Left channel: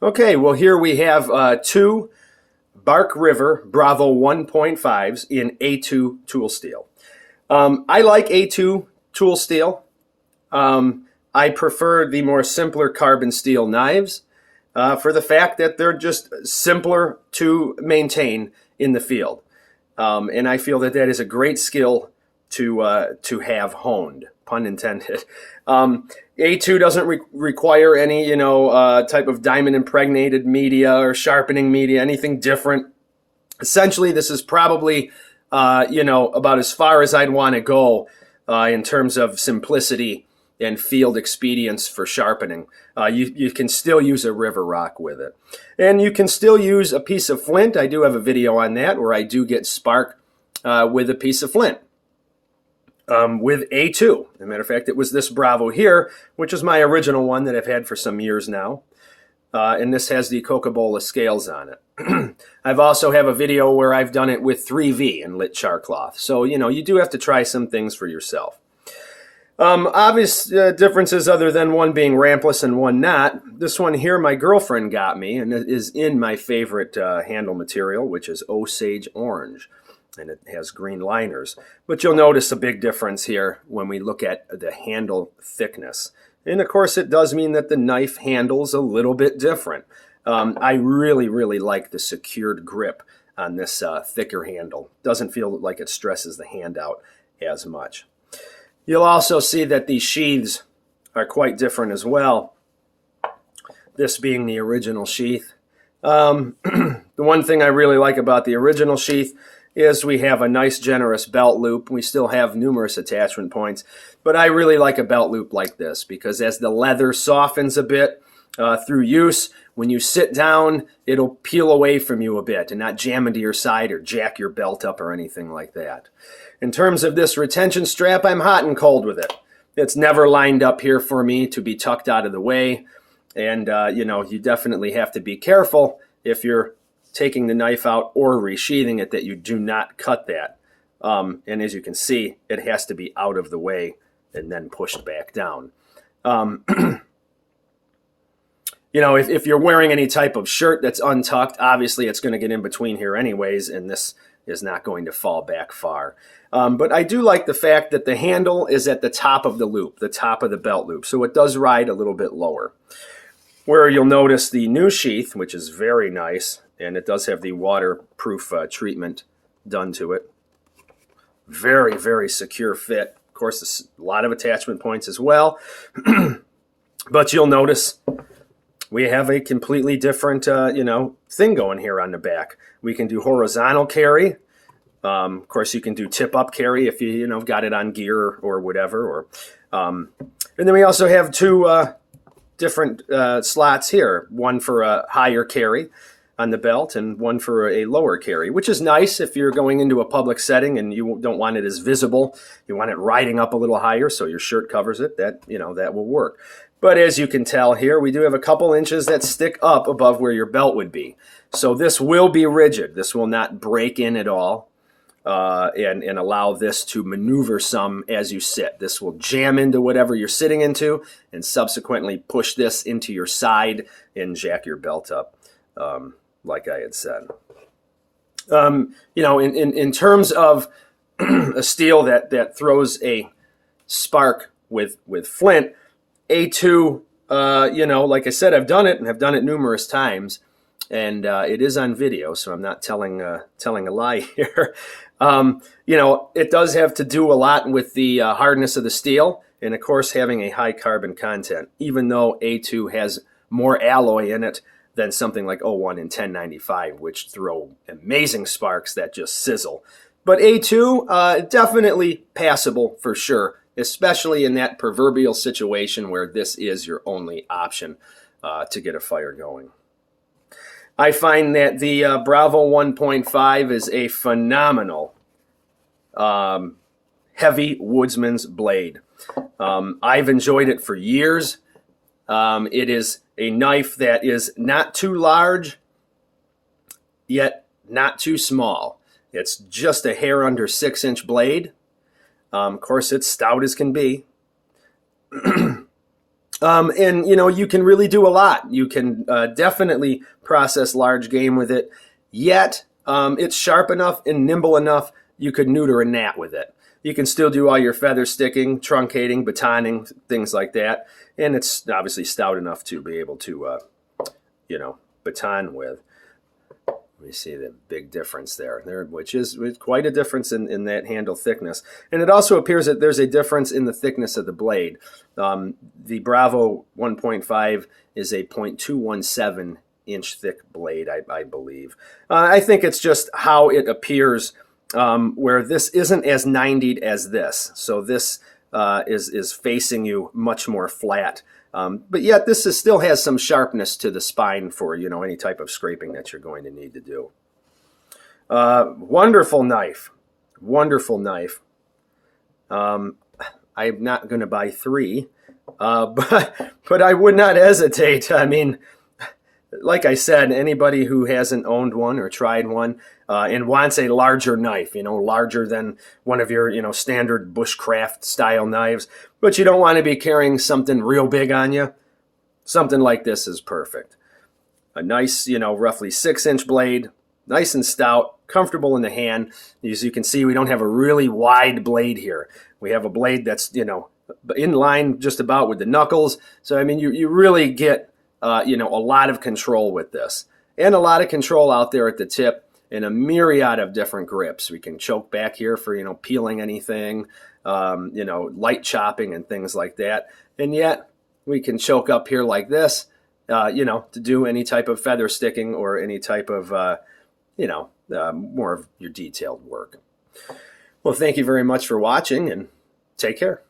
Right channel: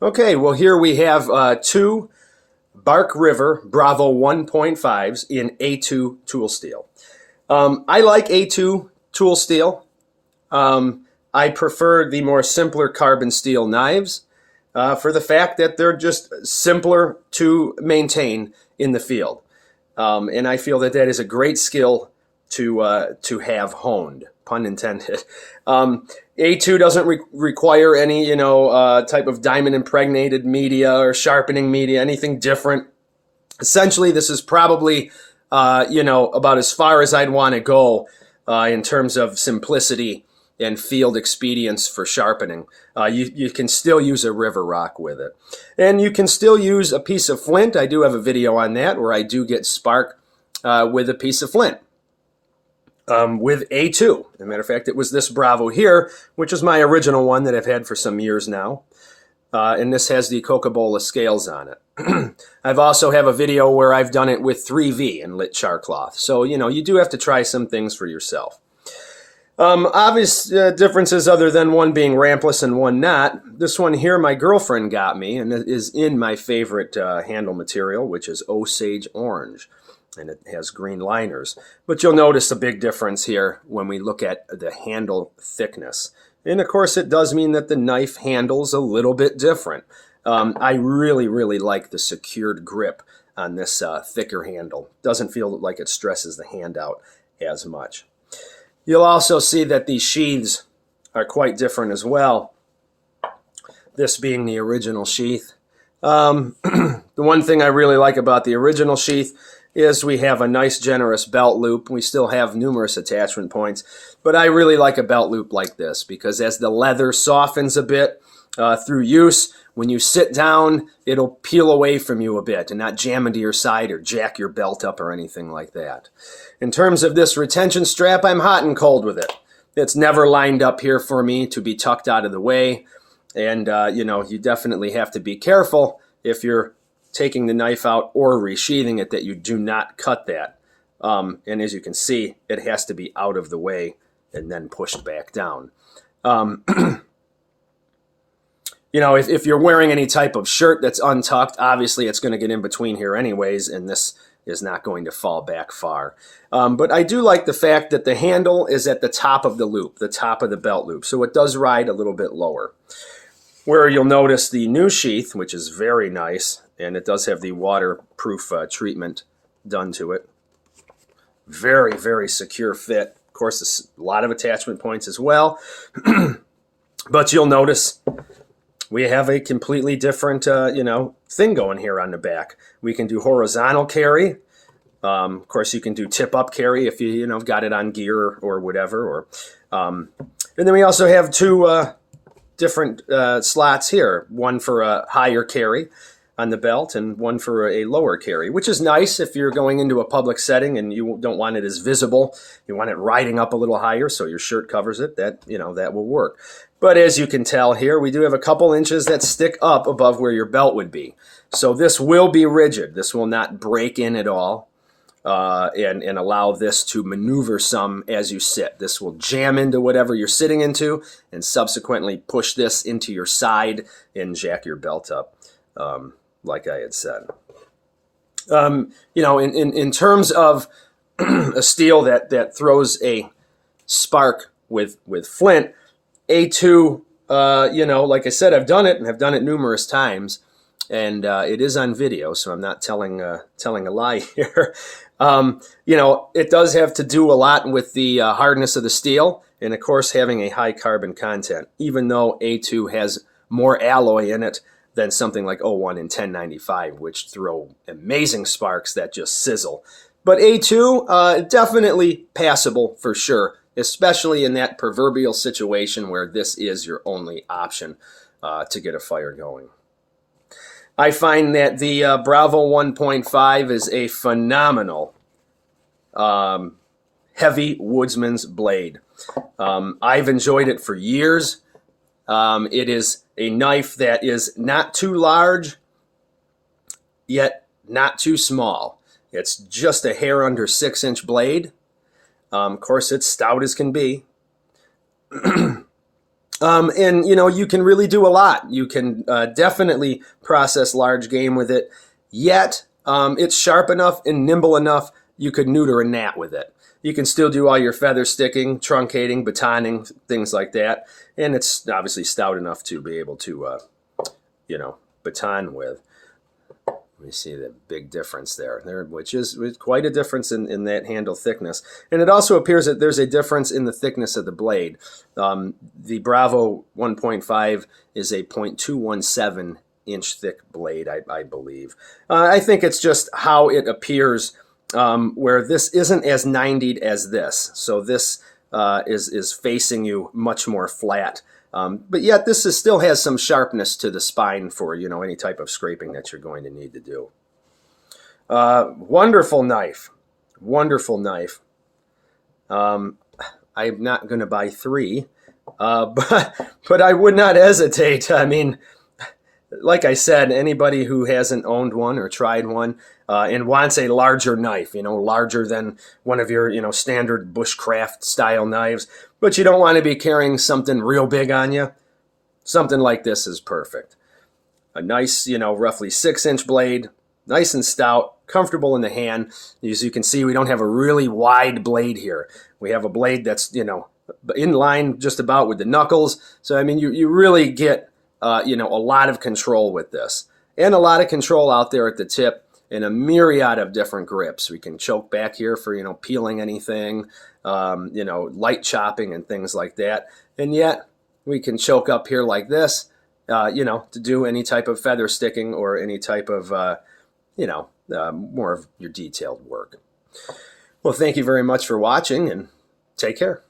Okay, well, here we have two Bark River Bravo 1.5s in A2 tool steel. I like A2 tool steel. I prefer the more simpler carbon steel knives for the fact that they're just simpler to maintain in the field. And I feel that that is a great skill to have honed, pun intended. A2 doesn't require any, type of diamond impregnated media or sharpening media, anything different. Essentially, this is probably, about as far as I'd want to go in terms of simplicity and field expedience for sharpening. You can still use a river rock with it. And you can still use a piece of flint. I do have a video on that where I do get spark with a piece of flint. With A2. As a matter of fact, it was this Bravo here, which is my original one that I've had for some years now. And this has the cocabola scales on it. I've also have a video where I've done it with 3V and lit char cloth. So, you do have to try some things for yourself. Obvious differences other than one being rampless and one not. This one here my girlfriend got me, and it is in my favorite handle material, which is Osage orange. And it has green liners. But you'll notice a big difference here when we look at the handle thickness. And of course it does mean that the knife handle's a little bit different. I really, really like the secured grip on this thicker handle. Doesn't feel like it stresses the hand out as much. You'll also see that these sheaths are quite different as well. This being the original sheath. The one thing I really like about the original sheath is we have a nice generous belt loop. We still have numerous attachment points, but I really like a belt loop like this because as the leather softens a bit through use, when you sit down, it'll peel away from you a bit and not jam into your side or jack your belt up or anything like that. In terms of this retention strap, I'm hot and cold with it. It's never lined up here for me to be tucked out of the way. And, you definitely have to be careful if you're taking the knife out or resheathing it that you do not cut that. And as you can see, it has to be out of the way and then pushed back down. If you're wearing any type of shirt that's untucked, obviously it's going to get in between here anyways, and this is not going to fall back far. But I do like the fact that the handle is at the top of the loop, the top of the belt loop, so it does ride a little bit lower. Where you'll notice the new sheath, which is very nice, and it does have the waterproof treatment done to it. Very, very secure fit. Of course, a lot of attachment points as well. But you'll notice we have a completely different, thing going here on the back. We can do horizontal carry. Of course, you can do tip-up carry if you, got it on gear or whatever. And then we also have two different slots here. One for a higher carry on the belt and one for a lower carry, which is nice if you're going into a public setting and you don't want it as visible. You want it riding up a little higher so your shirt covers it. That will work. But as you can tell here, we do have a couple inches that stick up above where your belt would be. So this will be rigid. This will not break in at all and allow this to maneuver some as you sit. This will jam into whatever you're sitting into and subsequently push this into your side and jack your belt up, like I had said. In terms of a steel that throws a spark with flint, A2, like I said, I've done it, and I've done it numerous times, and it is on video, so I'm not telling a lie here. It does have to do a lot with the hardness of the steel, and of course having a high carbon content, even though A2 has more alloy in it than something like 01 and 1095, which throw amazing sparks that just sizzle. But A2, definitely passable for sure, especially in that proverbial situation where this is your only option to get a fire going. I find that the Bravo 1.5 is a phenomenal heavy woodsman's blade. I've enjoyed it for years. It is a knife that is not too large, yet not too small. It's just a hair under 6-inch blade. Of course, it's stout as can be. And you can really do a lot. You can definitely process large game with it. Yet it's sharp enough and nimble enough you could neuter a gnat with it. You can still do all your feather sticking, truncating, batoning, things like that. And it's obviously stout enough to be able to, baton with. Let me see the big difference there, which is quite a difference in that handle thickness. And it also appears that there's a difference in the thickness of the blade. The Bravo 1.5 is a 0.217 inch thick blade, I believe. I think it's just how it appears, where this isn't as 90'd as this. So this is facing you much more flat. But yet this still has some sharpness to the spine for, any type of scraping that you're going to need to do. Wonderful knife. Wonderful knife. I'm not going to buy 3, but I would not hesitate. I mean, like I said, anybody who hasn't owned one or tried one and wants a larger knife, larger than one of your, standard bushcraft style knives, but you don't want to be carrying something real big on you, something like this is perfect. A nice, roughly 6-inch blade, nice and stout, comfortable in the hand. As you can see, we don't have a really wide blade here. We have a blade that's, in line just about with the knuckles. So, I mean, you really get, a lot of control with this, and a lot of control out there at the tip in a myriad of different grips. We can choke back here for, peeling anything, light chopping and things like that. And yet we can choke up here like this, to do any type of feather sticking or any type of, more of your detailed work. Well, thank you very much for watching, and take care.